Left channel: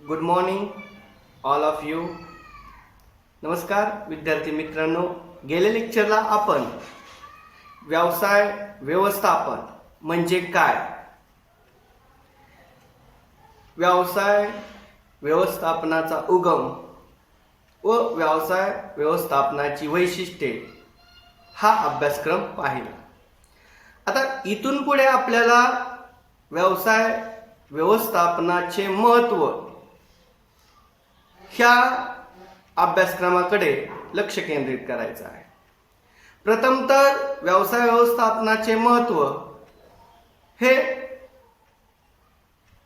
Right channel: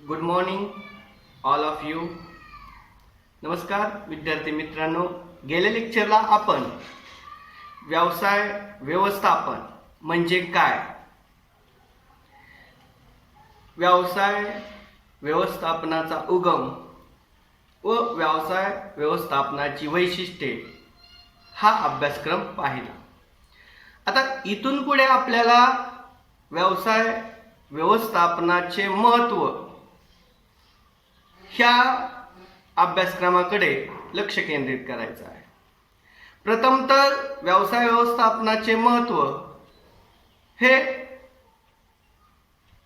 Good morning all of you. नमस्कार विद्यार्थी मित्रांनो. गेल्या लेक्चरला आपण व्यवसाय व्यवस्थापन म्हणजे काय, व्यवसाय व्यवस्थापनाचा उगम व व्यवसाय व्यवस्थापनाची वैशिष्ट्ये हा अभ्यासक्रम पाहिला. आता इथून पुढे आपल्याला व्यवसाय व्यवस्थापनाचे महत्त्व ह्या अभ्यासक्रमाकडे लक्ष केंद्रित करायचं आहे. प्रथम तर व्यवसाय व्यवस्थापनाचे महत्त्व हे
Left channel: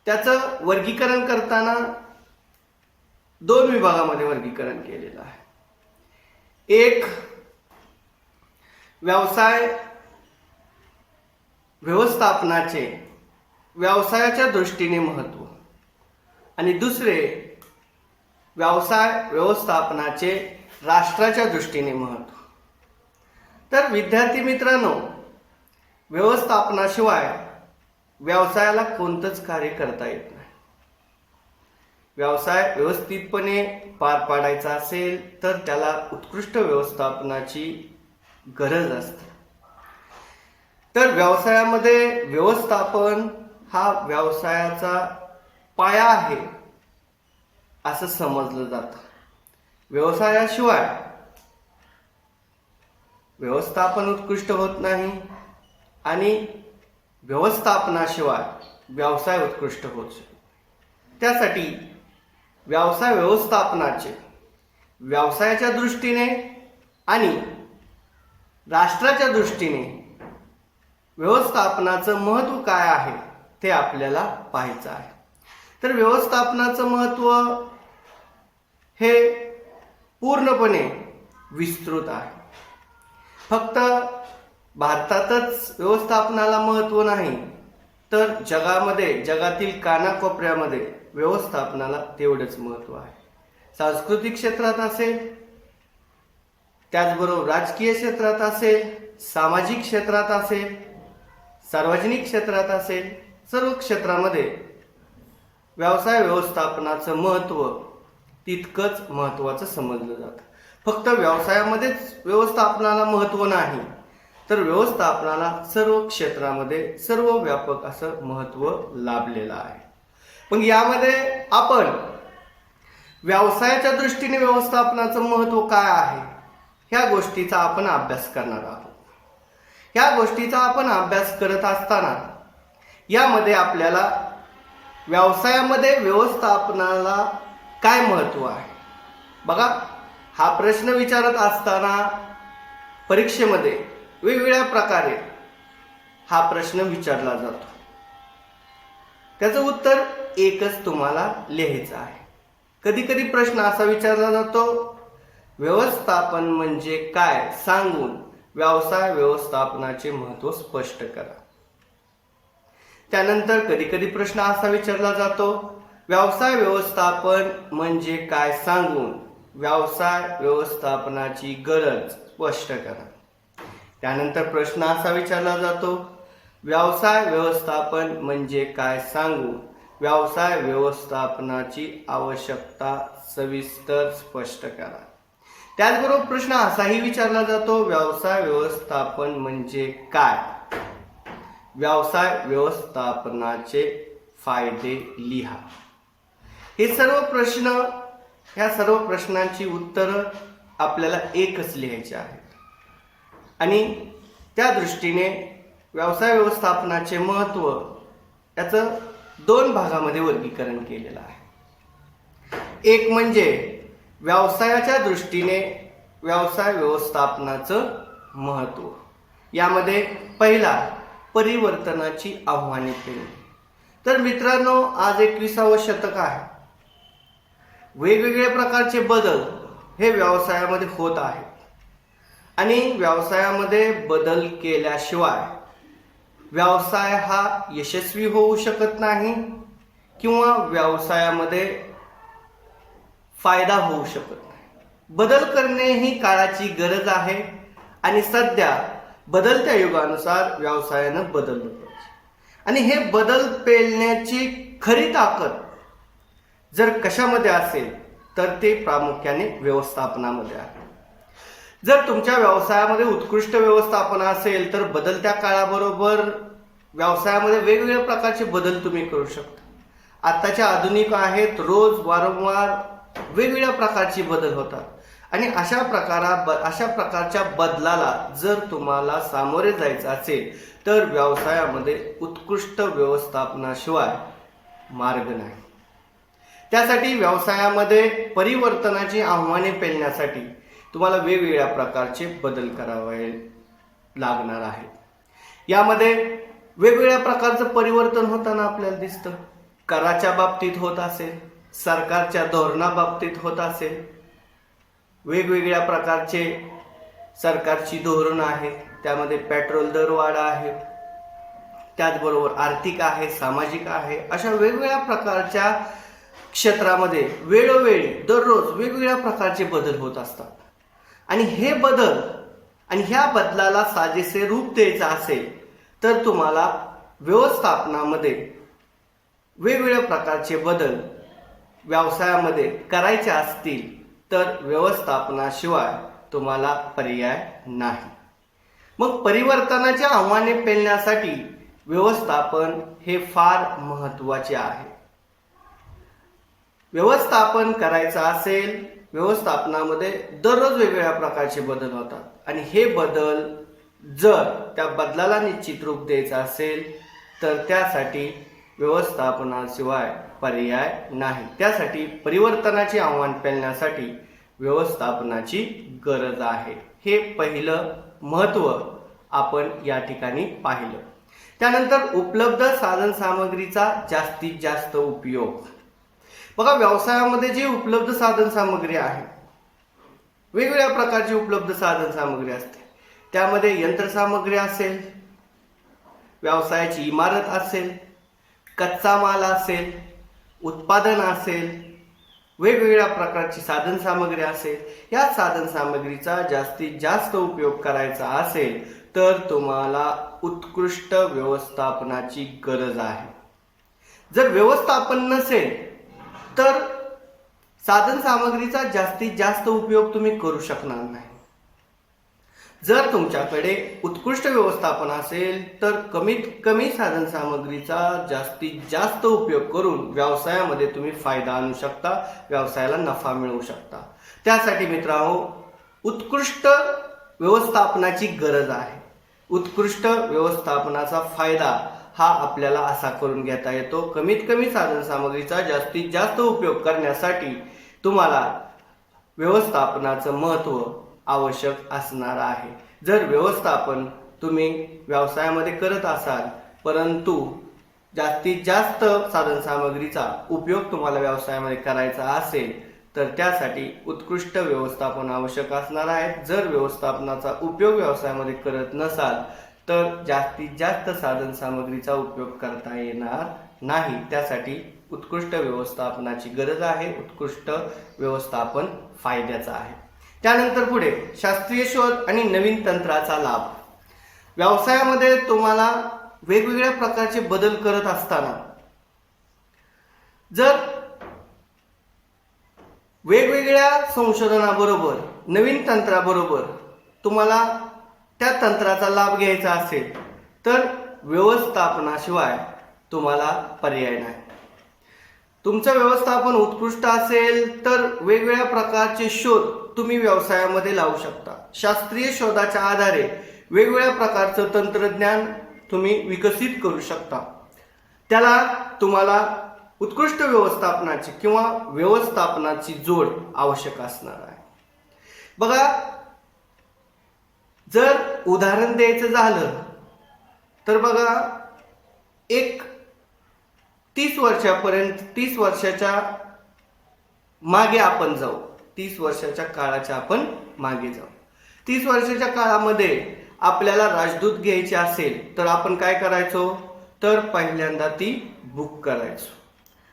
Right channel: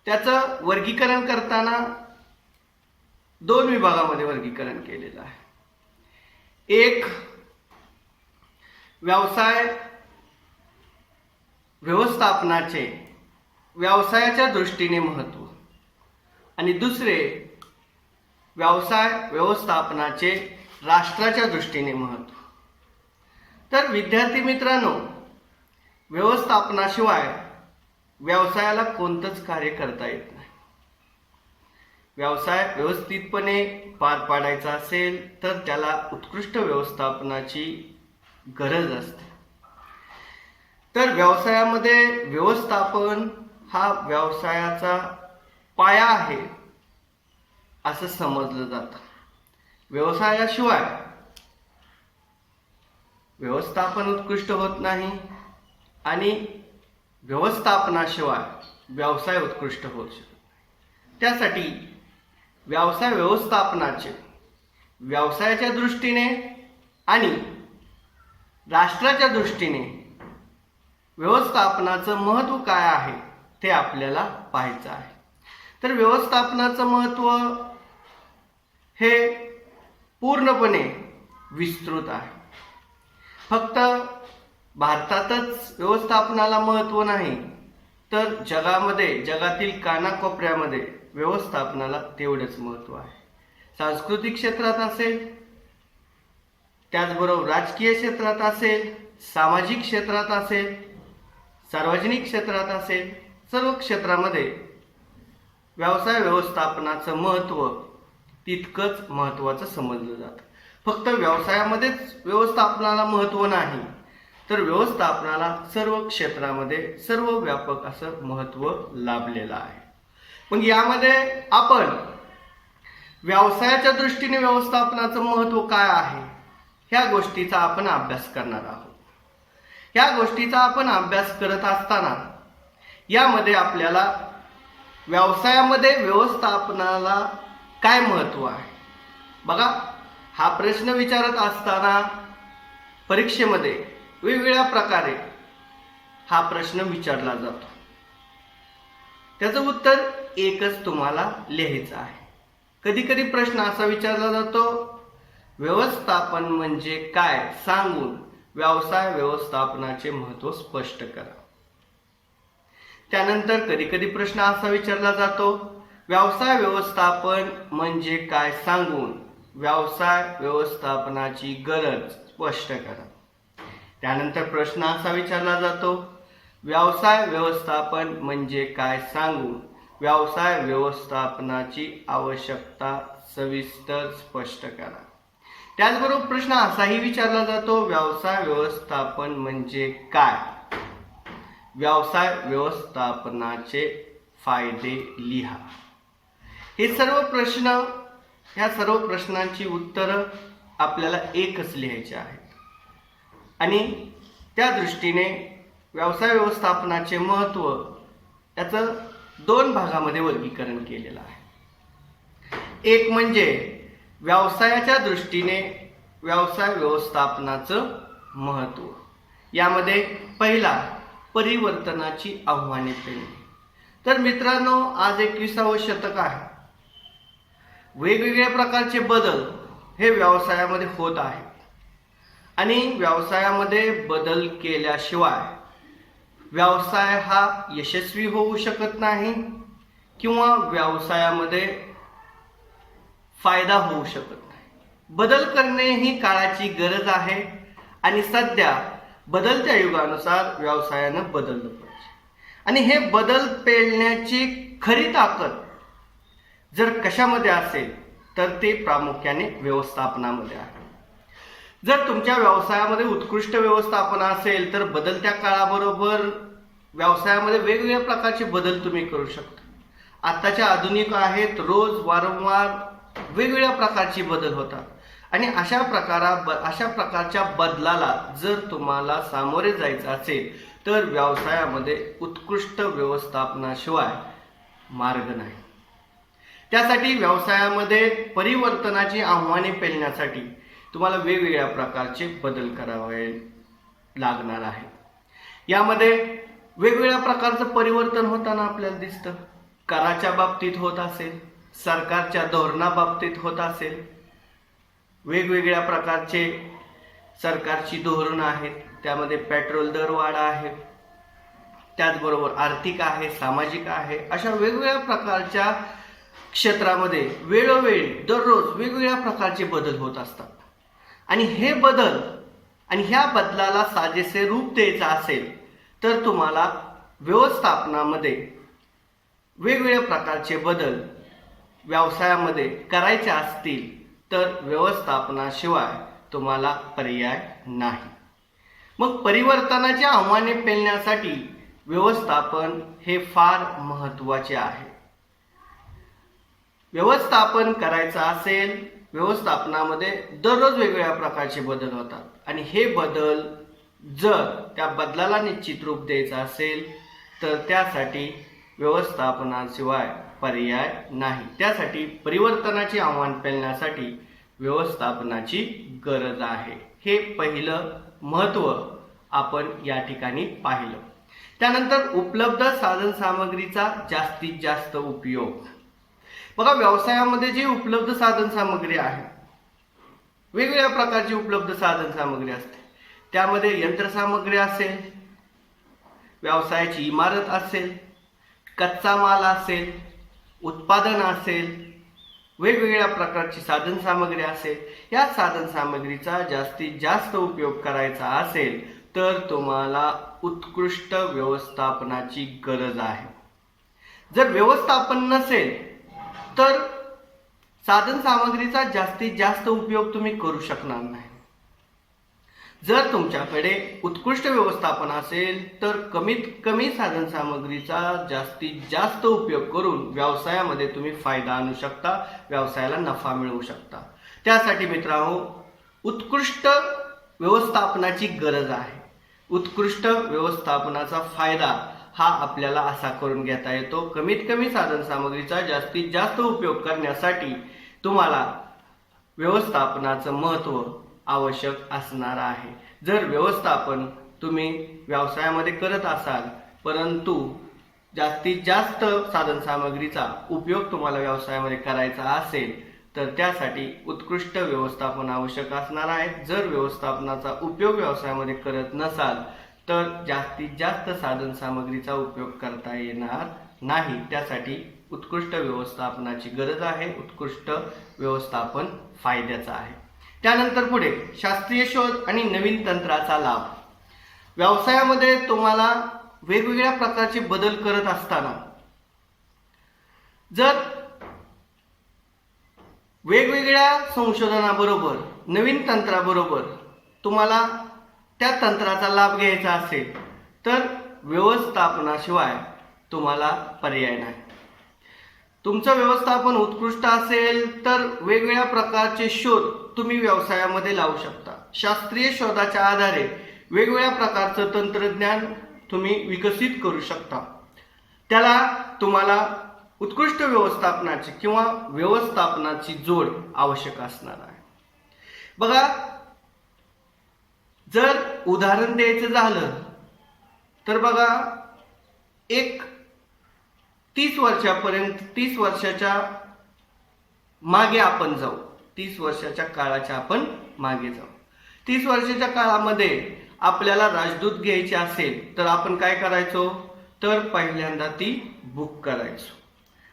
त्याचं वर्गीकरण करताना दोन विभागामध्ये वर्गीकरण केलेलं आहे. एक व्यवसाय व्यवस्थापनाचे व्यवसायाच्या दृष्टीने महत्त्व आणि दुसरे व्यवसाय व्यवस्थापनाचे राष्ट्राच्या दृष्टीने महत्त्व. तर विद्यार्थी मित्रांनो, व्यवस्थापनाशिवाय व्यवसायाला कोणतंच कार्य करता येत नाही. व्यवसाय व्यवस्थितपणे पार पाडायचा असेल तर त्याला उत्कृष्ट व्यवस्थापनाची गरज असते. तर व्यवसायामध्ये व्यवस्थापन हा व्यवसायाचा पाया आहे असं समजलं जातं. व्यवसायाशिवाय व्यवस्थापन उत्कृष्ट होत नाही आणि व्यवस्थापनाशिवाय व्यवसाय उत्कृष्ट होत शकत नाही. त्यासाठी व्यवसाय व्यवस्थापनाचे व्यवसायाच्या दृष्टीने आणि राष्ट्राच्या दृष्टीने व्यवस्थापनाचं महत्त्व काय आहे ते आपल्याला पाहायचं आहे. तर व्यवस्थापनाचं महत्त्व हे पूर्णपणे विस्तृत आहे. फक्त भारतातच व्यवस्थापनाला महत्त्व नाही, तर जगातील कानाकोपऱ्यामध्ये व्यवस्थापनाला तेवढंच महत्त्व आहे. सांस्कृतिक क्षेत्रात असेल, त्याचबरोबर राजकीय क्षेत्रात असेल, सामाजिक क्षेत्रात असेल, सार्वजनिक क्षेत्रात असेल, सर्व क्षेत्रामध्ये व्यवसाय व्यवस्थापनाचं महत्त्व तितकंच महत्त्वाचं समजलं जातं. फक्त व्यवसायामध्येच व्यवस्थापनाला महत्त्व नाही, तर व्यवस्थापनाला सर्व क्षेत्रामध्ये सर्वव्यापक असं महत्त्व लाभलेलं आहे. मग यामध्ये आपण व्यवसायाच्या दृष्टीने व्यवस्थापनाचं महत्त्व काय आहे ह्या गोष्टीचा आपण अभ्यास करणार आहोत. ह्या गोष्टीचा आपण अभ्यास करत असताना यामध्ये आपल्याला व्यवसायामध्ये व्यवस्थापनाला काय महत्त्व आहे, बघा, हा प्रश्न विचारत असताना परीक्षेमध्ये वेगवेगळ्या प्रकारे हा प्रश्न विचारला जातो. त्याचं उत्तर एकच तुम्हाला लिहायचं आहे. कधी कधी प्रश्न असा विचारला जातो, व्यवस्थापन म्हणजे काय सांगून व्यवसाय व्यवस्थापनाचे महत्त्व स्पष्ट करा. त्यानंतर कधी कधी प्रश्न असा विचारला जातो, व्यवसाय व्यवस्थापन म्हणजे काय सांगून व्यवसाय व्यवस्थापनाची गरज स्पष्ट करा. त्यानंतर प्रश्न असा विचारला जातो, व्यवसाय व्यवस्थापन म्हणजे काय सांगून व्यवसाय व्यवस्थापनाची आवश्यकता सविस्तर स्पष्ट करा. त्याचबरोबर प्रश्न असाही विचारला जातो, व्यवसाय व्यवस्थापन म्हणजे काय, व्यवसाय व्यवस्थापनाचे फायदे लिहा. हे सर्व प्रश्न, ह्या सर्व प्रश्नांची उत्तरं आपल्याला एकच लिहायची आहेत आणि त्या दृष्टीने व्यवसाय व्यवस्थापनाचे महत्त्व याचं दोन भागामध्ये वर्गीकरण केलेलं आहे. एक म्हणजे व्यवसायाच्या दृष्टीने व्यवसाय व्यवस्थापनाचं महत्त्व. यामध्ये पहिला परिवर्तनाची आव्हाने पेलणे. तर मित्रांनो, आज 21वे शतक आहे. वेगवेगळ्या प्रकारचे बदल हे व्यवसायामध्ये होत आहेत आणि व्यवसायामध्ये बदल केल्याशिवाय व्यवसाय हा यशस्वी होऊ शकत नाही किंवा व्यवसायामध्ये फायदा होऊ शकत नाही. बदल करणे ही काळाची गरज आहे आणि सध्या बदलत्या युगानुसार व्यवसायानं बदललं पाहिजे. आणि हे बदल पेलण्याची खरी ताकद जर कशामध्ये असेल तर ते प्रामुख्याने व्यवस्थापनामध्ये आहे. जर तुमच्या व्यवसायामध्ये उत्कृष्ट व्यवस्थापन असेल तर बदलत्या काळाबरोबर व्यवसायामध्ये वेगवेगळ्या प्रकारचे बदल तुम्ही करू शकता. आत्ताच्या आधुनिक आहेत, रोज वारंवार वेगवेगळ्या प्रकारचे बदल होतात आणि अशा प्रकारच्या बदलाला जर तुम्हाला सामोरे जायचं असेल तर व्यवसायामध्ये उत्कृष्ट व्यवस्थापनाशिवाय मार्ग नाही. त्यासाठी व्यवसायामध्ये परिवर्तनाची आव्हाने पेलण्यासाठी तुम्हाला वेगवेगळ्या प्रकारचे बदल करावे लागणार आहे. यामध्ये वेगवेगळ्या प्रकारचं परिवर्तन होताना आपल्याला दिसतं. कराच्या बाबतीत होत असेल, सरकारच्या धोरणाबाबतीत होत असेल, वेगवेगळ्या प्रकारचे सरकारची धोरणं आहेत, त्यामध्ये पेट्रोल दरवाढ आहे, त्याचबरोबर आर्थिक आहे, सामाजिक आहे, अशा वेगवेगळ्या प्रकारच्या क्षेत्रामध्ये वेळोवेळी दररोज वेगवेगळ्या प्रकारचे बदल होत असतात. आणि हे बदल आणि ह्या बदलाला साजेसे रूप द्यायचं असेल तर तुम्हाला व्यवस्थापनामध्ये वेगवेगळ्या प्रकारचे बदल व्यवसायामध्ये करायचे असतील तर व्यवस्थापनाशिवाय तुम्हाला पर्याय नाही. मग परिवर्तनाची आव्हाने पेलण्यासाठी व्यवस्थापन हे फार महत्त्वाचे आहे. व्यवस्थापन करायचं असेल, व्यवस्थापनामध्ये दररोज वेगवेगळ्या प्रकारचे बदल होतात आणि हे बदल जर त्या बदलाला निश्चित रूप द्यायचं असेल तर त्यासाठी व्यवस्थापनाशिवाय पर्याय नाही. त्यासाठी परिवर्तनाचे आव्हान पेलण्यासाठी व्यवस्थापनाची गरज आहे. हे पहिलं महत्त्व आपण या ठिकाणी पाहिलं. त्यानंतर उपलब्ध साधन सामग्रीचा जास्तीत जास्त उपयोग. बघा, व्यवसायामध्ये जे उपलब्ध साधन सामग्री आहे, वेगवेगळ्या प्रकारची उपलब्ध साधन सामग्री असते. त्यामध्ये यंत्रसामग्री असेल, व्यवसायाची इमारत असेल, कच्चा माल असेल, उत्पादन असेल, वेगवेगळ्या प्रकारची साधन सामग्री असेल. या साधन सामग्रीचा जास्तीत जास्त उपयोग करायचा असेल तर तुम्हाला उत्कृष्ट व्यवस्थापनाची गरज आहे. जर व्यवस्थापन नसेल तर साधन सामग्रीचा जास्तीत जास्त उपयोग तुम्ही करू शकणार नाही. जर तुमच्याकडे उत्कृष्ट व्यवस्थापन असेल तर कमीत कमी साधन सामग्रीचा जास्तीत जास्त उपयोग करून व्यवसायामध्ये तुम्ही फायदा आणू शकता, व्यवसायाला नफा मिळवू शकता. त्यासाठी मित्रांनो, उत्कृष्ट व्यवस्थापनाची गरज आहे. उत्कृष्ट व्यवस्थापनाचा फायदा हा आपल्याला असा करून घेता येतो. कमीत कमी साधन सामग्रीचा जास्तीत जास्त उपयोग करण्यासाठी तुम्हाला व्यवस्थापनाचं महत्त्व आवश्यक असणार आहे. जर व्यवस्थापन तुम्ही व्यवसायामध्ये करत असाल परंतु जास्तीत जास्त साधन सामग्रीचा उपयोग तुम्हाला व्यवसायामध्ये करायचा असेल तर त्यासाठी उत्कृष्ट व्यवस्थापन आवश्यक असणार आहे. जर व्यवस्थापनाचा उपयोग व्यवसायामध्ये करत नसाल तर जास्तीत जास्त साधन सामग्रीचा उपयोग करता येणार नाही. त्यासाठी उत्कृष्ट व्यवस्थापनाची गरज आहे. उत्कृष्ट व्यवस्थापन फायद्याचं आहे. त्यानंतर पुढे शास्त्रीय शोध आणि नवीन तंत्राचा लाभ. व्यवसायामध्ये तुम्हाला वेगवेगळ्या प्रकारचे बदल करत असताना जर वेगवेगळ्या संशोधनाबरोबर नवीन तंत्राबरोबर तुम्हाला त्या तंत्राचा लाभ घ्यायचा असेल तर व्यवस्थापनाशिवाय तुम्हाला पर्याय नाही. तुमचं व्यवस्थापन उत्कृष्ट असेल तर वेगवेगळ्या प्रकारचे शोध तुम्ही व्यवसायामध्ये लावू शकता. शास्त्रीय शोधाच्या आधारे वेगवेगळ्या प्रकारचं तंत्रज्ञान तुम्ही विकसित करू शकता. त्याला तुम्हाला उत्कृष्ट व्यवस्थापनाची किंवा व्यवस्थापनाची जोड आवश्यक असणार आहे. बघा, जर उदाहरण द्यायचं झालं तर बघा, एक 30 वर्षाच्या मागे आपण जाऊ. 30 वर्षाच्या काळाच्या आपण मागे जाऊ. 30 वर्षाच्या काळामध्ये आपल्याला राजदूत घ्यायची असेल तर आपण काय करायचो, तर पहिल्यांदा ती बुक करायचो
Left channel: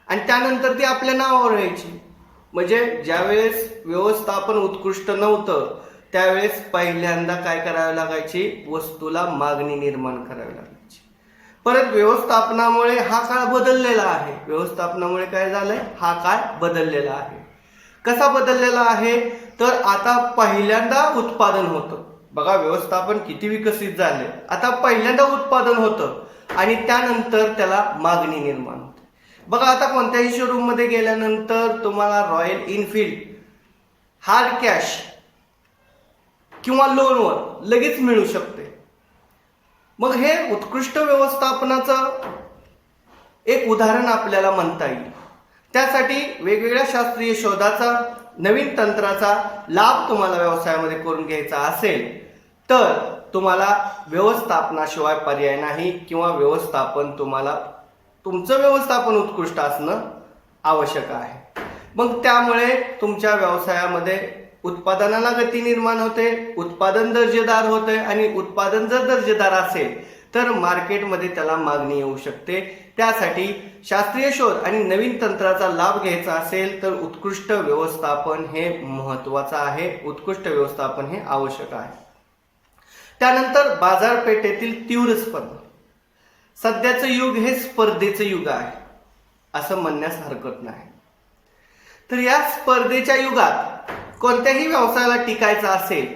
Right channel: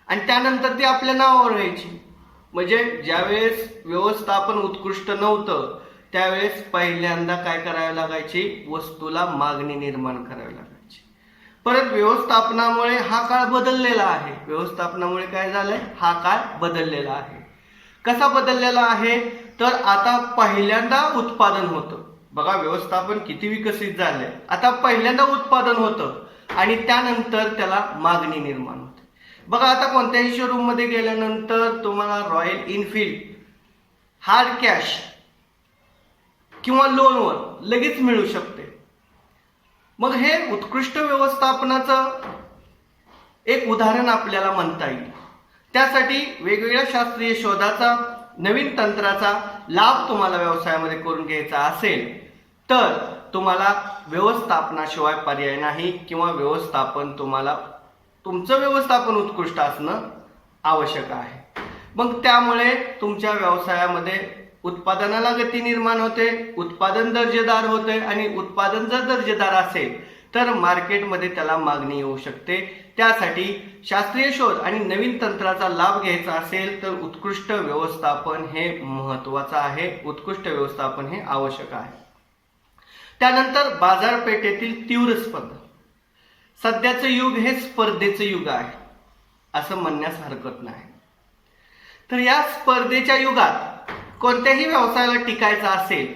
आणि त्यानंतर ती आपल्या नावावर यायची. म्हणजे ज्यावेळेस व्यवस्थापन उत्कृष्ट नव्हतं त्यावेळेस पहिल्यांदा काय करावे लागायचे, वस्तूला मागणी निर्माण करावी लागायची. परत व्यवस्थापनामुळे हा काळ बदललेला आहे. व्यवस्थापनामुळे काय झालंय, हा काळ बदललेला आहे. कसा बदललेला आहे, तर आता पहिल्यांदा उत्पादन होतं. बघा व्यवस्थापन किती विकसित झाले. आता पहिल्यांदा उत्पादन होतं आणि त्यानंतर त्याला मागणी निर्माण होते. बघा आता कोणत्याही शोरूम मध्ये गेल्यानंतर तुम्हाला रॉयल एनफील्ड हार्ड कॅश किंवा लोनवर लगेच मिळू शकते. मग हे उत्कृष्ट व्यवस्थापनाचं एक उदाहरण आपल्याला म्हणता येईल. त्यासाठी वेगवेगळ्या शास्त्रीय शोधाचा, नवीन तंत्राचा लाभ तुम्हाला व्यवसायामध्ये करून घ्यायचा असेल तर तुम्हाला व्यवस्थापनाशिवाय पर्याय नाही, किंवा तुमचं व्यवस्थापन उत्कृष्ट असणं आवश्यक आहे. मग त्यामुळे तुमच्या व्यवसायामध्ये उत्पादनाला गती निर्माण होते, उत्पादन दर्जेदार होते, आणि उत्पादन जर दर्जेदार असेल तर मार्केटमध्ये त्याला मागणी येऊ शकते. त्यासाठी शास्त्रीय शोध आणि नवीन तंत्राचा लाभ घ्यायचा असेल तर उत्कृष्ट व्यवस्थापन हे महत्त्वाचं आहे, उत्कृष्ट व्यवस्थापन हे आवश्यक आहे. त्यानंतर बाजारपेठेतील तीव्र स्पर्धा. सध्याचं युग हे स्पर्धेचं युग आहे असं म्हणण्यास हरकत नाही. तर या स्पर्धेच्या युगात कोणत्याही व्यवसायाला टिकायचं असेल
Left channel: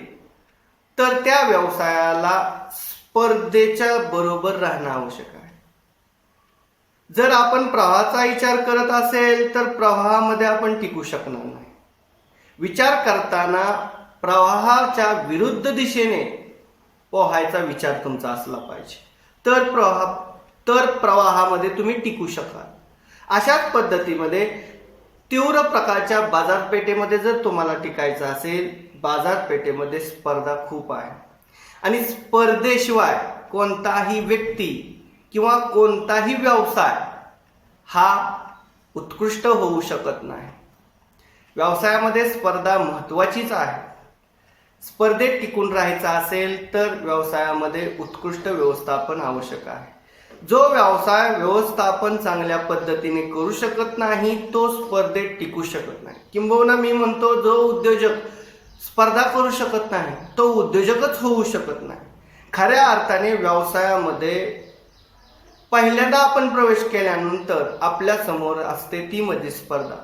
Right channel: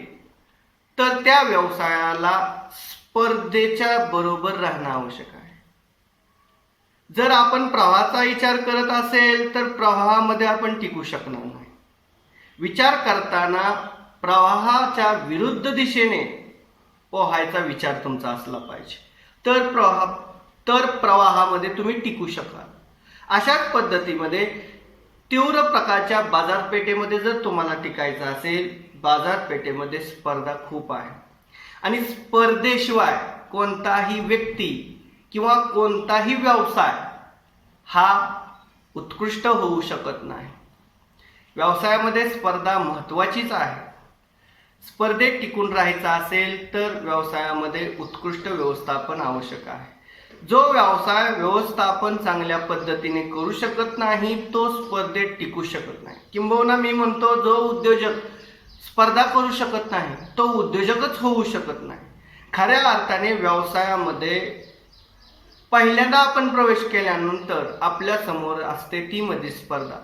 तर त्या व्यवसायाला स्पर्धेच्या बरोबर राहणं आवश्यक आहे. जर आपण प्रवाहाचा विचार करत असेल तर प्रवाहामध्ये आपण टिकू शकणार नाही. विचार करताना प्रवाहाच्या विरुद्ध दिशेने पोहायचा विचार तुमचा असला पाहिजे, तर प्रवाहामध्ये तुम्ही टिकू शकाल. अशाच पद्धतीमध्ये तीव्र प्रकारच्या बाजारपेठेमध्ये जर तुम्हाला टिकायचं असेल, बाजारपेठेमध्ये स्पर्धा खूप आहे आणि स्पर्धेशिवाय कोणताही व्यक्ती किंवा कोणताही व्यवसाय हा उत्कृष्ट होऊ शकत नाही. व्यवसायामध्ये स्पर्धा महत्त्वाचीच आहे. स्पर्धेत टिकून राहायचं असेल तर व्यवसायामध्ये उत्कृष्ट व्यवस्थापन आवश्यक आहे. जो व्यवसाय व्यवस्थापन चांगल्या पद्धतीने करू शकत नाही तो स्पर्धेत टिकू शकत नाही. किंबहुना मी म्हणतो, जो उद्योजक स्पर्धा करू शकत नाही तो उद्योजकच होऊ शकत नाही. खऱ्या अर्थाने व्यवसायामध्ये पहिल्यांदा आपण प्रवेश केल्यानंतर आपल्या समोर असते ती म्हणजे स्पर्धा.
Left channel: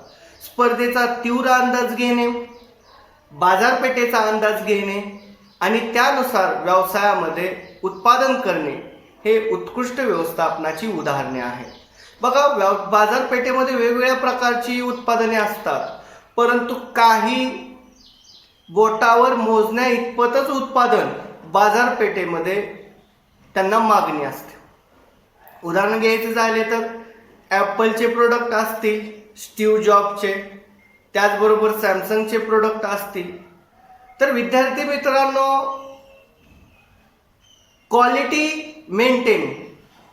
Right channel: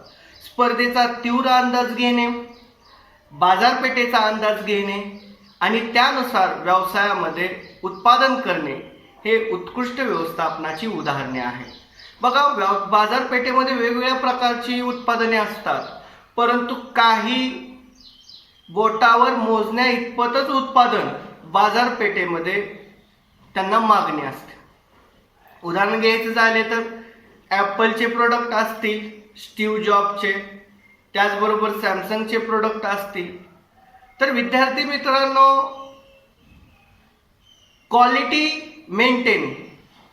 स्पर्धेचा तीव्र अंदाज घेणे, बाजारपेठेचा अंदाज घेणे आणि त्यानुसार व्यवसायामध्ये उत्पादन करणे हे उत्कृष्ट व्यवस्थापनाची उदाहरणे आहेत. बघा बाजारपेठेमध्ये वेगवेगळ्या प्रकारची उत्पादने असतात, परंतु काही बोटावर मोजण्या इतपतच उत्पादन बाजारपेठेमध्ये त्यांना मागणी असते. उदाहरण घ्यायचं झाले तर ॲपलचे प्रोडक्ट असतील, स्टीव्ह जॉबचे, त्याचबरोबर सॅमसंगचे प्रोडक्ट असतील. तर विद्यार्थी मित्रांनो, क्वालिटी मेंटेन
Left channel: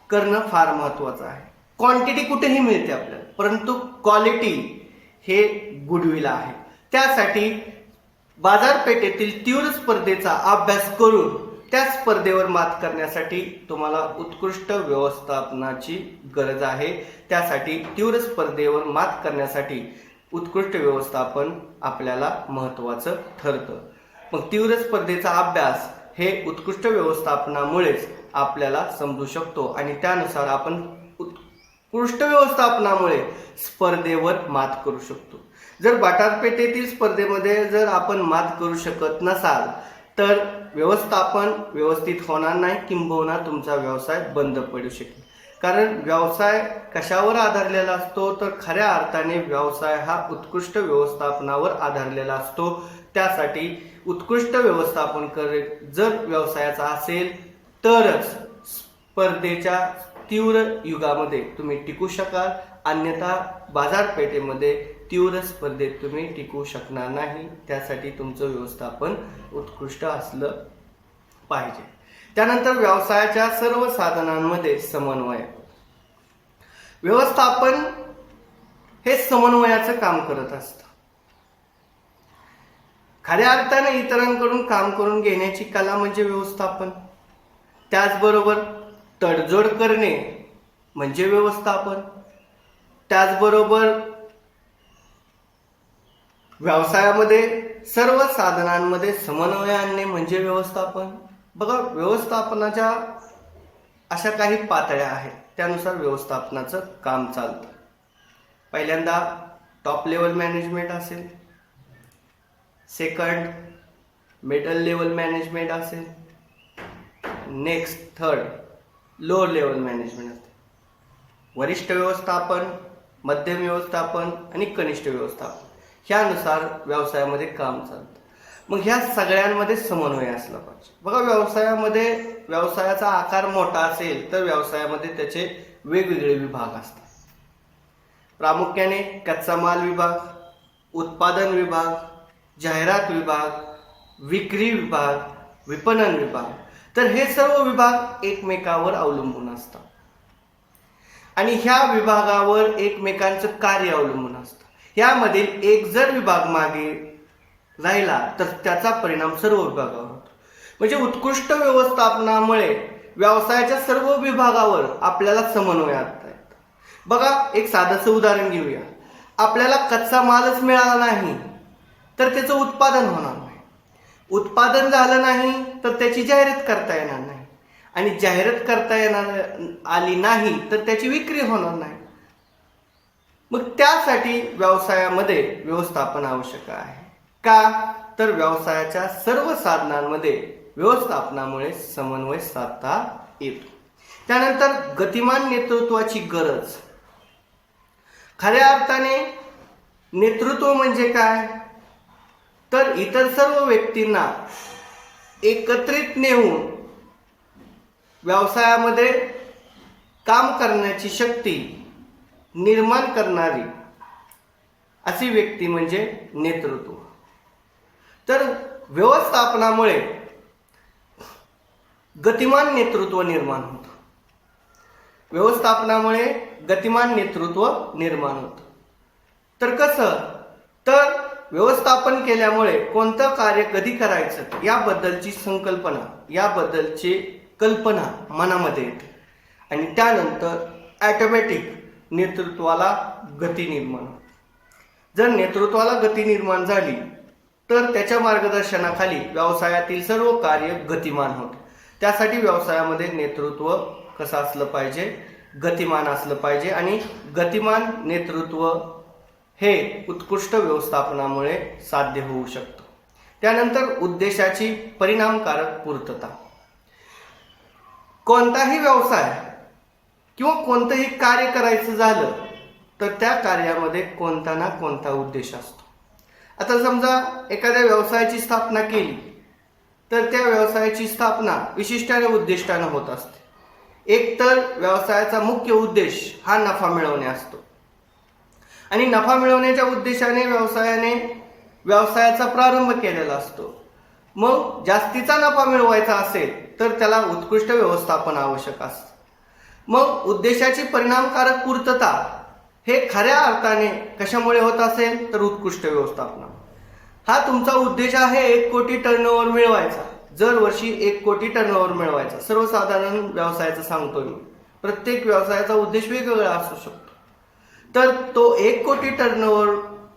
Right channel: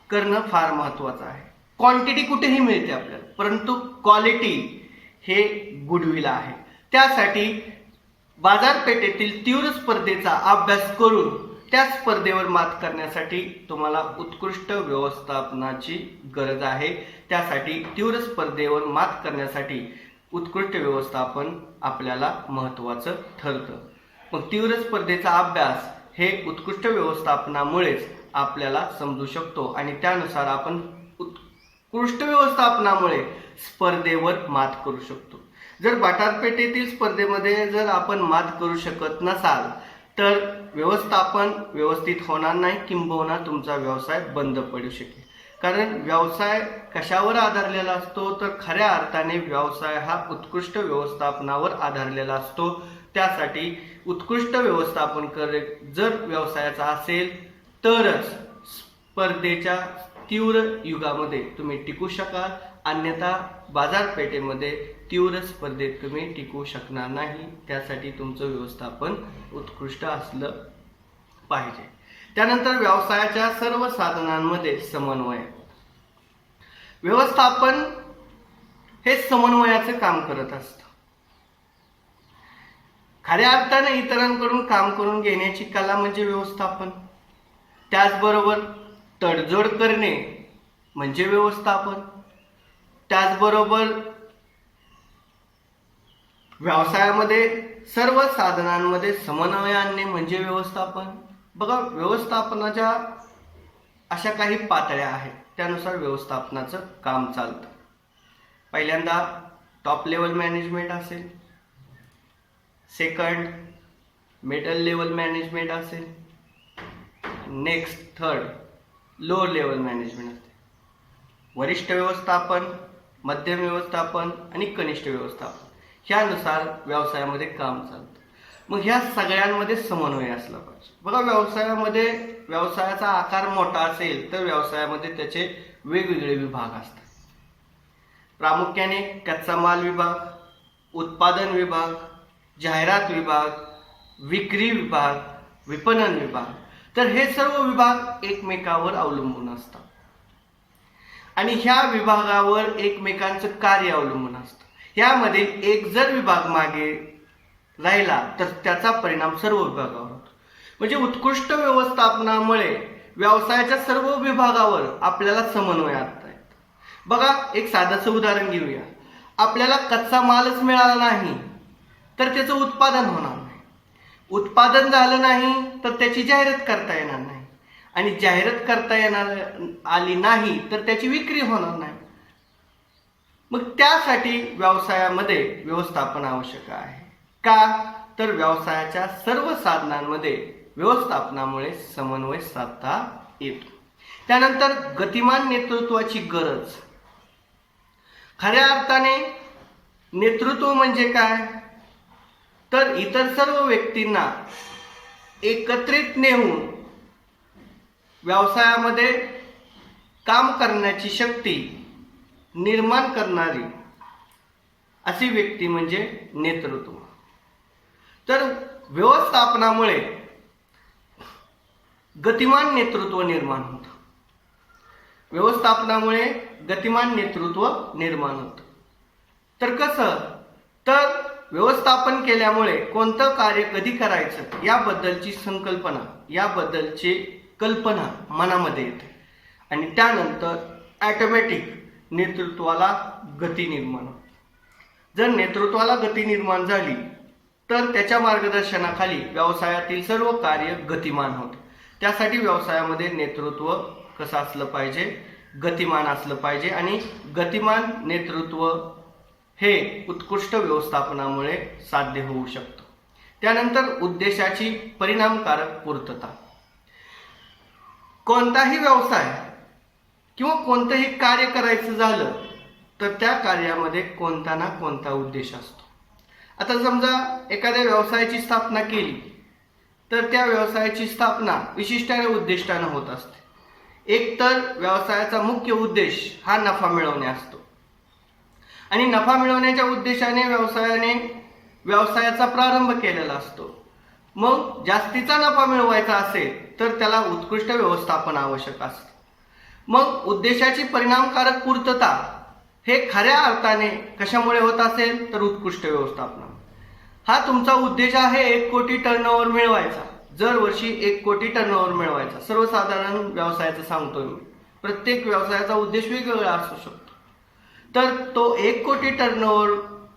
करणं फार महत्त्वाचं आहे. क्वांटिटी कुठेही मिळते आपल्याला, परंतु क्वालिटी हे गुडविल आहे. त्यासाठी बाजारपेठेतील तीव्र स्पर्धेचा अभ्यास करून त्या स्पर्धेवर मात करण्यासाठी तुम्हाला उत्कृष्ट व्यवस्थापनाची गरज आहे. त्यासाठी तीव्र स्पर्धेवर मात करण्यासाठी उत्कृष्ट व्यवस्थापन आपल्याला महत्त्वाचं ठरतं. मग तीव्र स्पर्धेचा अभ्यास हे उत्कृष्ट व्यवस्थापनामुळेच आपल्याला समजू शकतो आणि त्यानुसार आपण उत्कृष्ट व्यवस्थापनामुळे स्पर्धेवर मात करू शकतो. जर बाजारपेठेतील स्पर्धेमध्ये जर आपण मात करू शकत नसाल तर व्यवस्थापन व्यवस्थित होणार नाही, किंबहुना तुमचा व्यवसाय बंद पडू शकेल. कारण व्यवसाय कशावर आधारलेला असतो तर खऱ्या अर्थाने व्यवसाय हा उत्कृष्ट व्यवस्थापनावर आधारलेला असतो. त्यासाठी उत्कृष्ट व्यवस्थापन जर व्यवसायाचा असेल तरच स्पर्धेच्या तीव्र युगामध्ये तुम्ही टिकू शकाल, अन्यथा बाजारपेठेमध्ये तीव्र स्पर्धेत तुम्ही टिकू शकणार नाही. त्यासाठी तुमचं व्यवस्थापन उत्कृष्ट असलं पाहिजे. त्यानंतर व्यवसायाच्या सर्व साधनांमध्ये समन्वय. व्यवस्थापन हे समन्वयाचं काम करत असतं. खऱ्या अर्थाने इतरांकडून काम करून घेण्याची कला म्हणजे व्यवस्थापन. त्याचबरोबर तडजोड करणे म्हणजे व्यवस्थापन. त्याचबरोबर व्यवसायामध्ये सर्व साधनांमध्ये समन्वय आणणे म्हणजे व्यवस्थापन. बघा व्यवस्थापनाच्या अशा काही पातळ्या आहेत, त्यानुसार व्यवस्थापनाचं काम चालतं. पहिल्यांदा टॉप लेवल मॅनेजमेंट असेल, सेकंड मिडल लेवल मॅनेजमेंट असेल, next third lower level management असते. वरिष्ठ व्यवस्थापन, मध्यम व्यवस्थापन आणि कनिष्ठ व्यवस्थापन ह्यानुसार व्यवसायामध्ये काम चालतं. मग ह्या सगळ्यांमध्ये समन्वय असला पाहिजे. बघा, व्यवसायाचा आकार मोठा असेल तर व्यवसायामध्ये त्याचे वेगवेगळे विभाग असतात. प्रामुख्याने कच्चा माल विभाग, उत्पादन विभाग, जाहिरात विभाग, विक्री विभाग, विपणन विभाग. तर हे सर्व विभाग एकमेकावर अवलंबून असतात आणि ह्या विभागावर एकमेकांचं कार्य अवलंबून असतं. यामध्ये एक जर विभाग मागे राहिला तर त्याचा परिणाम सर्व विभागावर होतो. म्हणजे उत्कृष्ट व्यवस्थापनामुळे व्यवसायाच्या सर्व विभागावर आपल्याला समन्वय आणता येतो. बघा, एक साधंसं उदाहरण घेऊया. आपल्याला कच्चा मालच मिळाला नाही तर त्याचं उत्पादन होणार नाही. उत्पादन झालं नाही तर त्याची जाहिरात करता येणार नाही आणि जाहिरात करता आली नाही तर त्याची विक्री होणार नाही. मग त्यासाठी व्यवसायामध्ये व्यवस्थापन आवश्यक आहे. का? तर व्यवसायाच्या सर्व साधनांमध्ये व्यवस्थापनामुळे समन्वय साधता येतो. त्यानंतर गतिमान नेतृत्वाची गरज. खऱ्या अर्थाने नेतृत्व म्हणजे काय? तर इतर सर्व व्यक्तींना एकत्रित नेऊन व्यवसायामध्ये काम करण्याची शक्ती निर्माण करणारी अशी व्यक्ती म्हणजे नेतृत्व. तर व्यवस्थापनामुळे गतिमान नेतृत्व निर्माण होतं. व्यवस्थापनामुळे गतिमान नेतृत्व निर्माण होतं. तर कसं? तर व्यवस्थापन केल्यामुळे कोणतं कार्य कधी करायचं याबद्दलची संकल्पना, याबद्दलची कल्पना मनामध्ये येते आणि त्यानंतर ऑटोमॅटिक नेतृत्वाला गती निर्माण होते. जर नेतृत्वाला गती निर्माण झाली तर त्याच्या मार्गदर्शनाखाली व्यवसायातील सर्व कार्य गतिमान होतं. त्यासाठी व्यवसायामध्ये नेतृत्व कसं असलं पाहिजे? गतिमान असलं पाहिजे आणि गतिमान नेतृत्व हे उत्कृष्ट व्यवस्थापनामुळे साध्य होऊ शकतं. त्यानंतर उद्देशाची परिणामकारक पूर्तता. कोणताही व्यवसाय किंवा कोणतंही कार्य करायचं झालं तर त्या कार्यामध्ये कोणता ना कोणता उद्देश असतो. आता समजा एखाद्या व्यवसायाची स्थापना केली तर त्या व्यवसायाची स्थापना विशिष्ट उद्दिष्टानं होत असते. एक तर व्यवसायाचा मुख्य उद्देश हा नफा मिळवणे असतो आणि नफा मिळवण्याच्या उद्देशाने व्यवसायाचा प्रारंभ केलेला असतो. मग जास्तीचा नफा मिळवायचा असेल तर त्याला उत्कृष्ट व्यवस्थापन आवश्यक असतं. मग उद्देशाची परिणामकारक पूर्तता हे खऱ्या अर्थाने कशामुळे होत असेल तर उत्कृष्ट व्यवस्थापन. हा तुमचा उद्देश आहे 1 कोटी टर्नओव्हर मिळवायचा, दर वर्षी 1 कोटी टर्नओव्हर मिळवायचा. सर्वसाधारण व्यवसायाचं सांगतोय मी. प्रत्येक व्यवसायाचा उद्देश वेगवेगळा असू शकतो. तर तो 1 कोटी टर्नओव्हर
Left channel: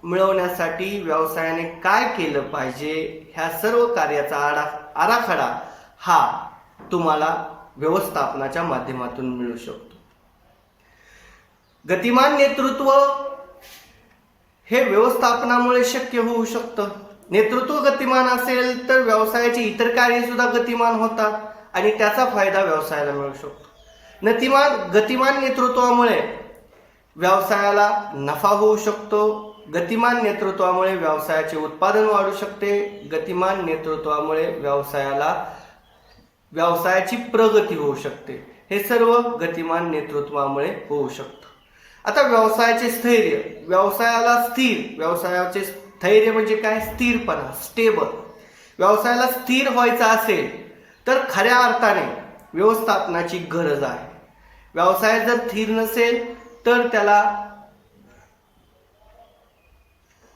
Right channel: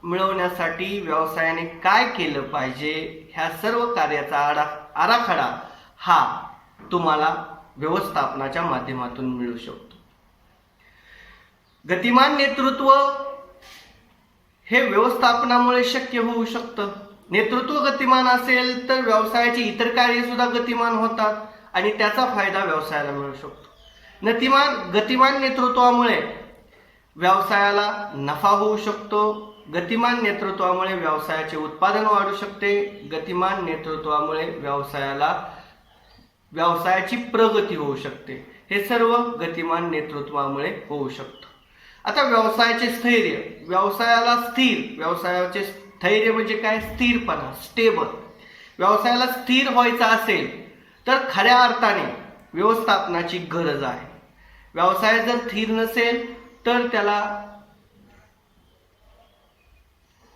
मिळवण्यासाठी व्यवसायाने काय केलं पाहिजे ह्या सर्व कार्याचा आराखडा हा तुम्हाला व्यवस्थापनाच्या माध्यमातून मिळू शकतो. गतिमान नेतृत्व हे व्यवस्थापनामुळे शक्य होऊ शकतं. नेतृत्व गतिमान असेल तर व्यवसायाची इतर कार्ये सुद्धा गतिमान होतात आणि त्याचा फायदा व्यवसायाला मिळू शकतो. गतिमान नेतृत्वामुळे व्यवसायाला नफा होऊ शकतो. गतिमान नेतृत्वामुळे व्यवसायाचे उत्पादन वाढू शकते. गतिमान नेतृत्वामुळे व्यवसायाची प्रगती होऊ शकते. हे सर्व गतिमान नेतृत्वामुळे होऊ शकतं. आता व्यवसायाचे स्थैर्य. व्यवसायाचे स्थैर्य म्हणजे काय? स्थिरपणा, स्टेबल. व्यवसायाला स्थिर व्हायचं असेल तर खऱ्या अर्थाने व्यवस्थापनाची गरज आहे. व्यवसाय जर स्थिर नसेल तर त्याला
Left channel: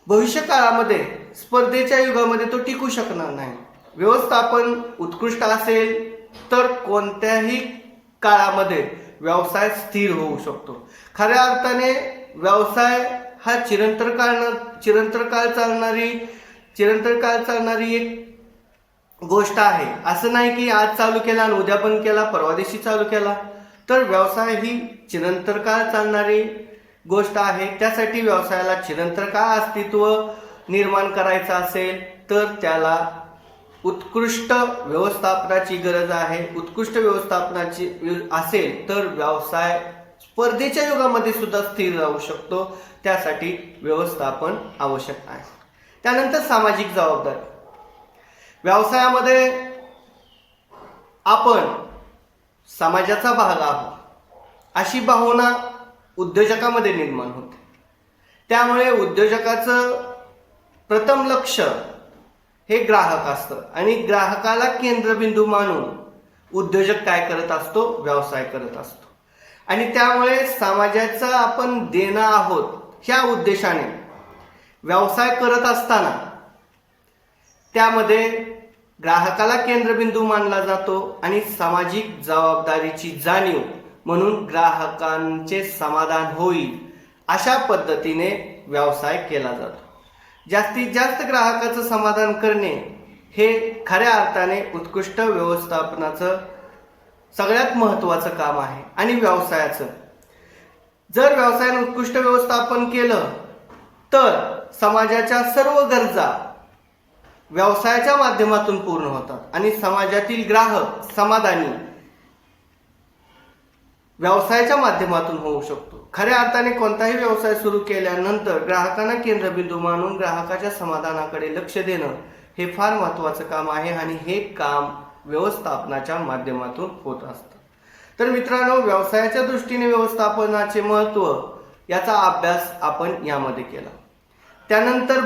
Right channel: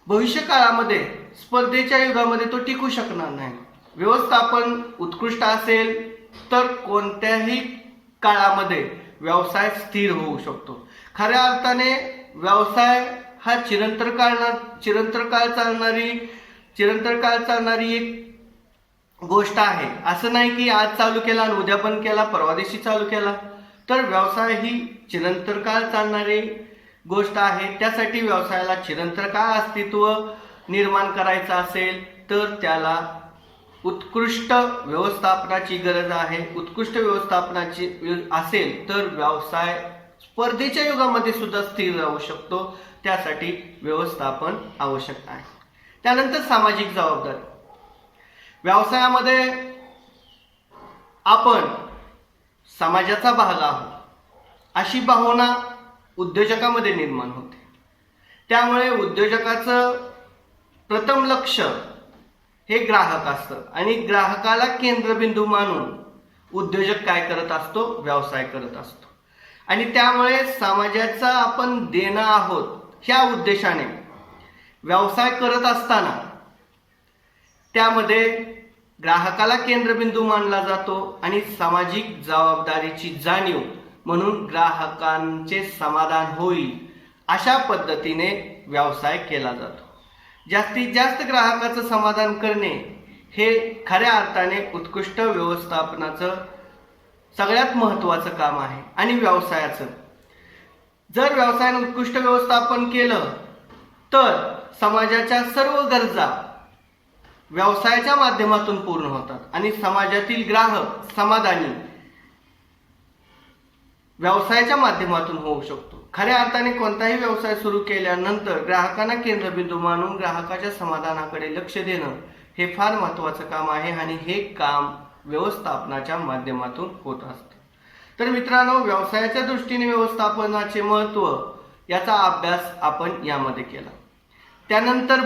भविष्य काळामध्ये, स्पर्धेच्या युगामध्ये तो टिकू शकणार नाही. व्यवस्थापन उत्कृष्ट असेल तर कोणत्याही काळामध्ये व्यवसाय स्थिर होऊ शकतो. खऱ्या अर्थाने व्यवसाय हा चिरंतर काळ चालणारी एक गोष्ट आहे. असं नाही की आज चालू केला आणि उद्या बंद केला, परवा दिवशी चालू केला. तर व्यवसाय ही चिरंतन काळ चालणारी गोष्ट आहे. त्यासाठी व्यवसायाला चिरंतन काळ अस्तित्व निर्माण करायचं असेल तर त्याला उत्कृष्ट व्यवस्थापनाची गरज आहे. उत्कृष्ट व्यवस्थापनाची असेल तर व्यवसाय स्पर्धेच्या युगामध्ये सुद्धा स्थिर राहू शकतो. त्यासाठी व्यवस्थापन आवश्यक आहे. त्यानंतर सामाजिक जबाबदारी. व्यवसायामध्ये आपण समाजाचा भाग आहोत अशी भावना उद्योजकामध्ये निर्माण होते. त्यामुळे उद्योजकाचं प्रथम लक्ष हे ग्राहक असतं आणि ग्राहकाला केंद्रबिंदू मानून उद्योजक काय करत असतो, व्यवसाय करत असतो. आणि त्यामुळे समाजाचा आपण देणं आहोत ह्या उद्देशाने व्यवसाय करत असताना त्यामध्ये ग्राहकाला केंद्रबिंदू मानला जातो आणि सामाजिक जबाबदारीची जाणीव म्हणून ग्राहकांचे समाधान होईल अशा पद्धतीने व्यवसाय केला जातो. जास्तीत जास्त ग्राहकाचं समाधान करणे हे खऱ्या अर्थाने उत्कृष्ट व्यवस्थापनाचं सगळ्यात महत्त्वाचं काम आहे. आणि व्यवसायाचं जर व्यवसायाने उत्कृष्ट व्यवस्थापन केलं तर समाजाच्या सर्व गरजा व्यवसायाच्या माध्यमातून पूर्ण होतात आणि समाजातील ग्राहक समाधानी व्यवसायाच्या माध्यमातून होऊ शकतो. खऱ्या अर्थाने कोणताही व्यवसाय सुरू केल्यानंतर ग्राहकांना केंद्रबिंदू मानून ग्राहकाच्या समाधानाकडे लक्ष देणं हे फार महत्त्वाचं काम आहे आणि हे काम व्यवस्थापनाच्या माध्यमातून होत असतं. तर मित्रांनो, व्यवसायाच्या दृष्टीने व्यवस्थापनाचे महत्त्व याचा अभ्यास आपण यामध्ये केला. त्यानंतर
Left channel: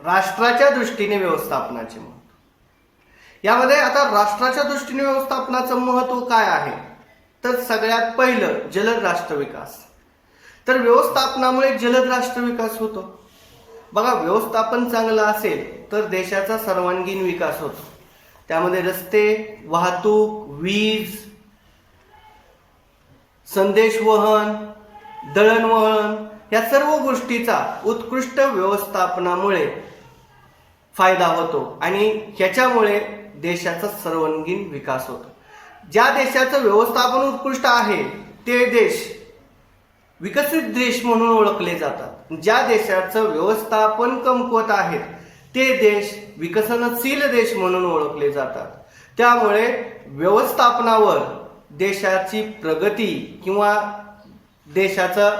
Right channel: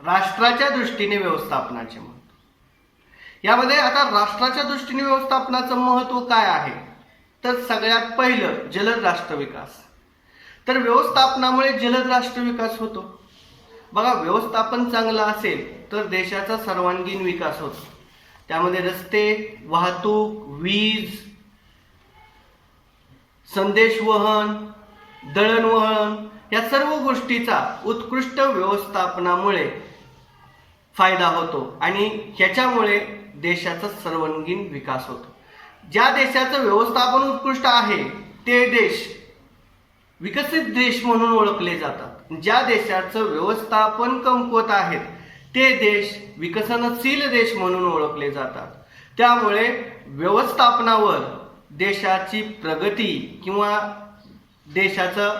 राष्ट्राच्या दृष्टीने व्यवस्थापनाचे महत्त्व. यामध्ये आता राष्ट्राच्या दृष्टीने व्यवस्थापनाचं महत्त्व काय आहे तर सगळ्यात पहिलं जलद राष्ट्र विकास. तर व्यवस्थापनामुळे जलद राष्ट्र विकास होतो. बघा, व्यवस्थापन चांगलं असेल तर देशाचा सर्वांगीण विकास होतो. त्यामध्ये रस्ते, वाहतूक, वीज, संदेशवहन, दळणवहन या सर्व गोष्टीचा उत्कृष्ट व्यवस्थापनामुळे फायदा होतो आणि ह्याच्यामुळे देशाचा सर्वांगीण विकास होतो. ज्या देशाचं व्यवस्थापन उत्कृष्ट आहे ते देश विकसित देश म्हणून ओळखले जातात. ज्या देशाचं व्यवस्थापन कमकुवत आहे ते देश विकसनशील देश म्हणून ओळखले जातात. त्यामुळे व्यवस्थापनावर देशाची प्रगती किंवा देशाचा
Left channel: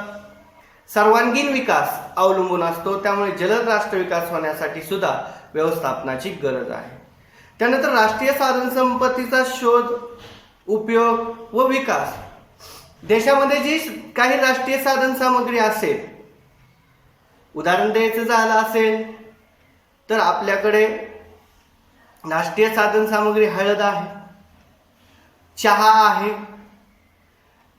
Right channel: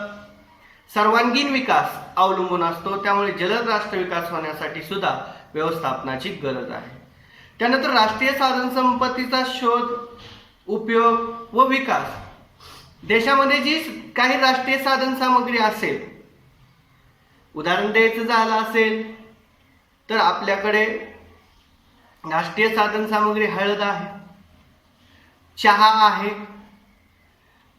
सर्वांगीण विकास अवलंबून असतो. त्यामुळे जलद राष्ट्र विकास होण्यासाठी सुद्धा व्यवस्थापनाची गरज आहे. त्यानंतर राष्ट्रीय साधन संपत्तीचा शोध, उपयोग व विकास. देशामध्ये जी काही राष्ट्रीय साधन सामग्री असेल, उदाहरण द्यायचं झालं असेल तर आपल्याकडे राष्ट्रीय साधन सामग्री हळद आहे, चहा आहे,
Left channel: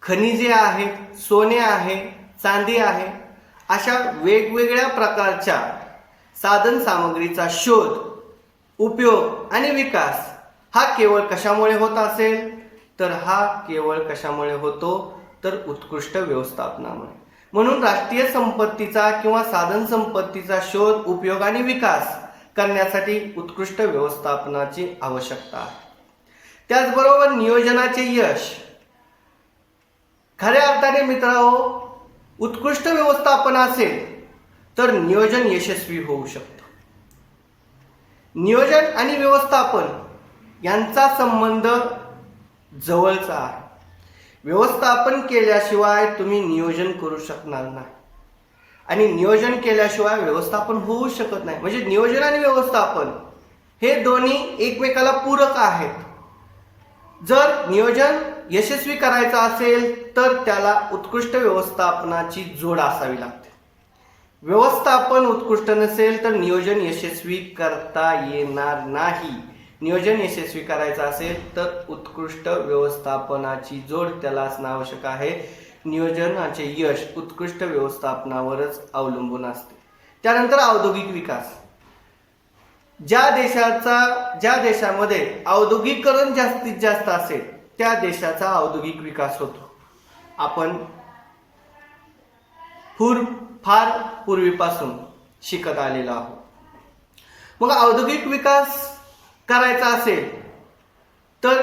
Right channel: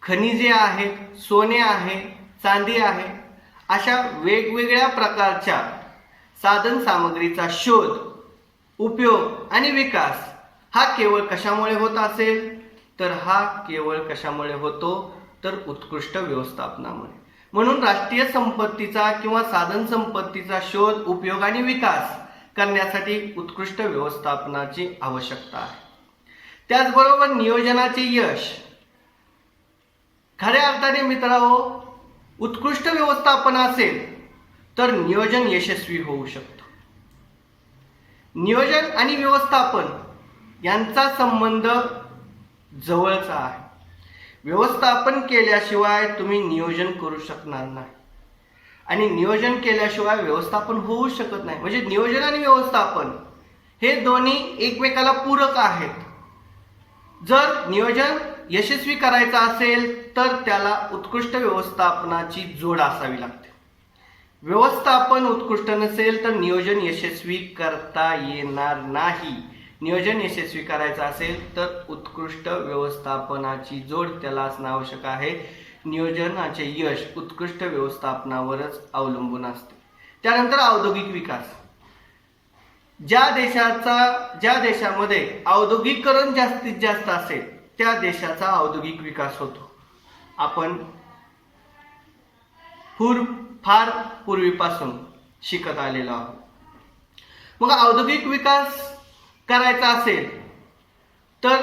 खनिजे आहेत, सोने आहे, चांदी आहे. अशा वेगवेगळ्या प्रकारच्या साधन सामग्रीचा शोध, उपयोग आणि विकास हा केवळ कशामुळे होत असेल तर हा केवळ कशामुळे होतो तर उत्कृष्ट व्यवस्थापनामुळे. म्हणून राष्ट्रीय संपत्तीचा किंवा साधन संपत्तीचा शोध, उपयोग आणि विकास करण्यासाठी उत्कृष्ट व्यवस्थापनाची आवश्यकता आहे. त्याचबरोबर नियोजनाचे यश. खऱ्या अर्थाने मित्रांनो, उत्कृष्ट व्यवस्थापन असेल तर नियोजन यशस्वी होऊ शकतं. नियोजन आणि व्यवस्थापन यांचा संबंध जवळचा आहे. व्यवस्थापन केल्याशिवाय तुम्ही नियोजन करू शकणार नाही आणि नियोजन केल्याशिवाय व्यवस्थापन होऊ शकत नाही. म्हणजे नियोजन आणि व्यवस्थापन हे दोन्ही एकमेकाला पूरक आहेत. जर नियोजन यशस्वी करायचं असेल तर त्याला उत्कृष्ट व्यवस्थापनाची जोड असावी लागते. व्यवस्थापन उत्कृष्ट नसेल तर नियोजन यशस्वी करता येणार नाही. नियोजन यशस्वी करायचं असेल तर उत्कृष्ट व्यवस्थापनाची जोड त्याला असणं आवश्यक आहे. नियोजनाचे यश उत्कृष्ट व्यवस्थापनावरच अवलंबून असते. त्यानंतर औद्योगिक विकास. ज्या देशामध्ये औद्योगिकरण जास्तीत जास्त असेल त्या देशाचा औद्योगिक विकास होतो. आपण फार पूर्वीपासून शिकत आलेलो आहोत. मग औद्योगिक विकास करायचा असेल तर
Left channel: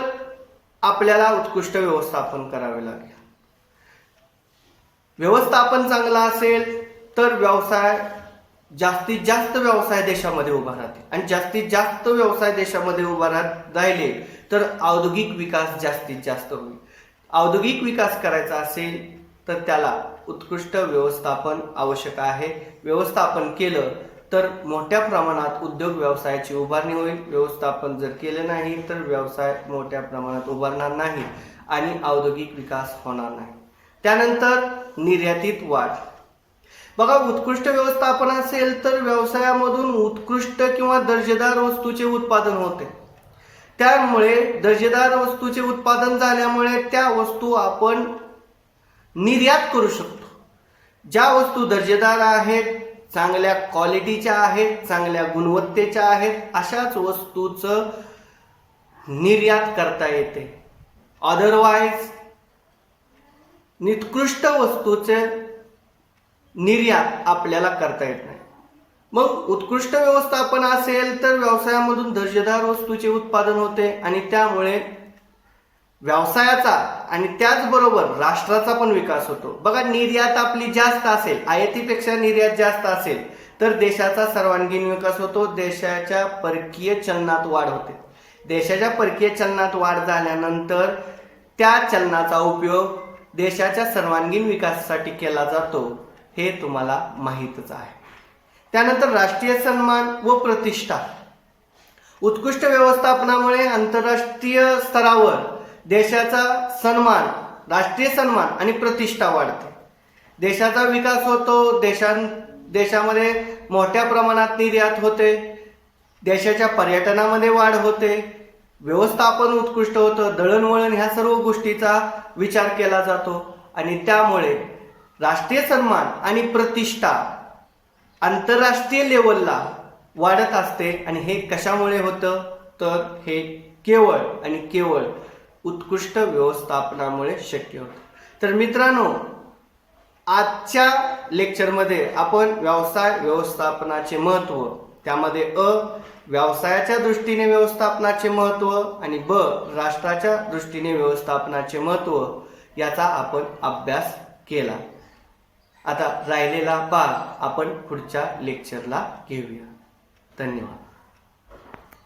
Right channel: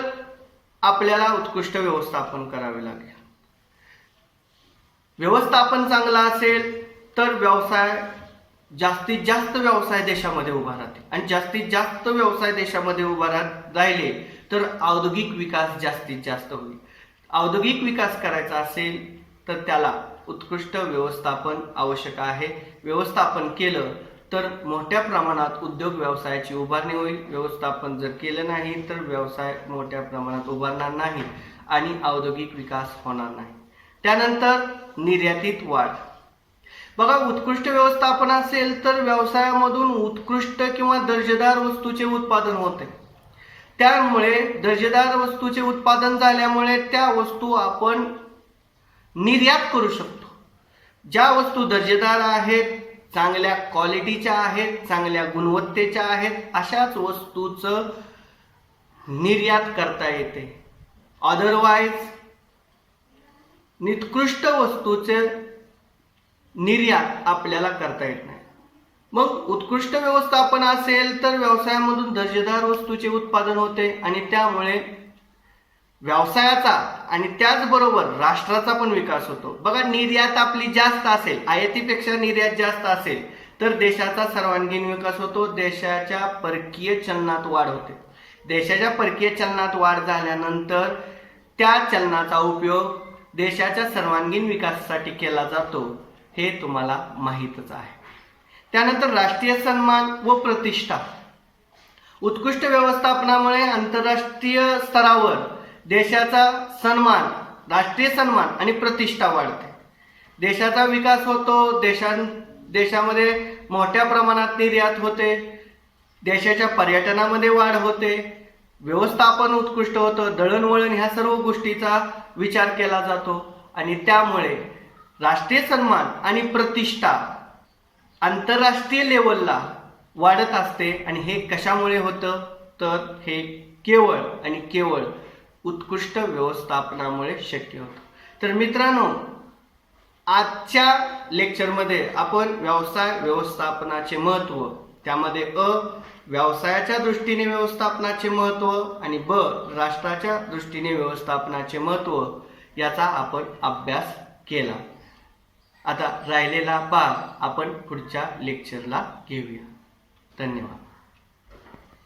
आपल्याला उत्कृष्ट व्यवस्थापन करावे लागेल. व्यवस्थापन चांगलं असेल तर जास्तीत जास्त व्यवसाय देशामध्ये उभा राहतील आणि जास्तीत जास्त व्यवसाय देशामध्ये उभा राहिले तर औद्योगिक विकास जास्तीत जास्त होईल. औद्योगिक विकास करायचा असेल तर त्याला उत्कृष्ट व्यवस्थापन आवश्यक आहे. व्यवस्थापन केलं तर मोठ्या प्रमाणात उद्योग व्यवसायाची उभारणी होईल. व्यवस्थापन जर केलं नाही तर व्यवसाय मोठ्या प्रमाणात उभारणार नाही आणि औद्योगिक विकास होणार नाही. त्यानंतर निर्यातीत वाढ. बघा, उत्कृष्ट व्यवस्थापन असेल तर व्यवसायामधून उत्कृष्ट किंवा दर्जेदार वस्तूचे उत्पादन होते. त्यामुळे दर्जेदार वस्तूचे उत्पादन झाल्यामुळे त्या वस्तू आपण निर्यात करू शकतो. ज्या वस्तू दर्जेदार आहेत, चांगल्या क्वालिटीच्या आहेत, चांगल्या गुणवत्तेच्या आहेत, अशाच वस्तूचं निर्यात करता येते. अदरवाईज निकृष्ट वस्तूचे निर्यात आपल्याला करता येत नाही. मग उत्कृष्ट व्यवस्थापन असेल तर व्यवसायामधून दर्जेदार वस्तूचे उत्पादन होते आणि त्यामुळे व्यवसायाचा आणि त्याचबरोबर राष्ट्राचा पण विकास होतो. बघा, निर्यात आपली जास्त असेल, आयातीपेक्षा निर्यात जास्त असेल तर देशाचा सर्वांगीण विकास होतो. देशाच्या परकीय चलनात वाढ होते. देशाच्या परकीय चलनात वाढ झाल्यानंतर त्या चलनाचा उपयोग देशाच्या सर्वांगीण विकासासाठी केला जातो, हे तुम्हाला माहीतच आहे. त्यानंतर राष्ट्रीय सन्मान व प्रतिष्ठा. उत्कृष्ट व्यवस्थापनामुळे आंतरराष्ट्रीय स्तरावर देशाचा सन्मान, राष्ट्रीय सन्मान आणि प्रतिष्ठा वाढते. देशाचा विकास होतो. देशामध्ये मोठ्या प्रमाणात निर्यात होते. देशाच्या पर्यटनामध्ये वाढ होते. व्यवस्थापन उत्कृष्ट होतं. दळणवळण ह्या सर्व गोष्टीचा विचार केला जातो आणि त्यामुळे राष्ट्रीय सन्मान आणि प्रतिष्ठा आंतरराष्ट्रीय लेवलला वाढत असते. आणि हे कशामुळे होतं तर हे केवळ आणि केवळ उत्कृष्ट व्यवस्थापनामुळे शक्य होतं. तर मित्रांनो, आजच्या लेक्चरमध्ये आपण व्यवसाय व्यवस्थापनाचे महत्त्व, त्यामध्ये व्यवसायाच्या दृष्टीने व्यवस्थापनाचे महत्त्व आणि राष्ट्राच्या दृष्टीने व्यवस्थापनाचे महत्त्व याचा आपण अभ्यास केला. आता राहिलेला भाग आपण पुढच्या लेक्चरला घेऊया. धन्यवाद.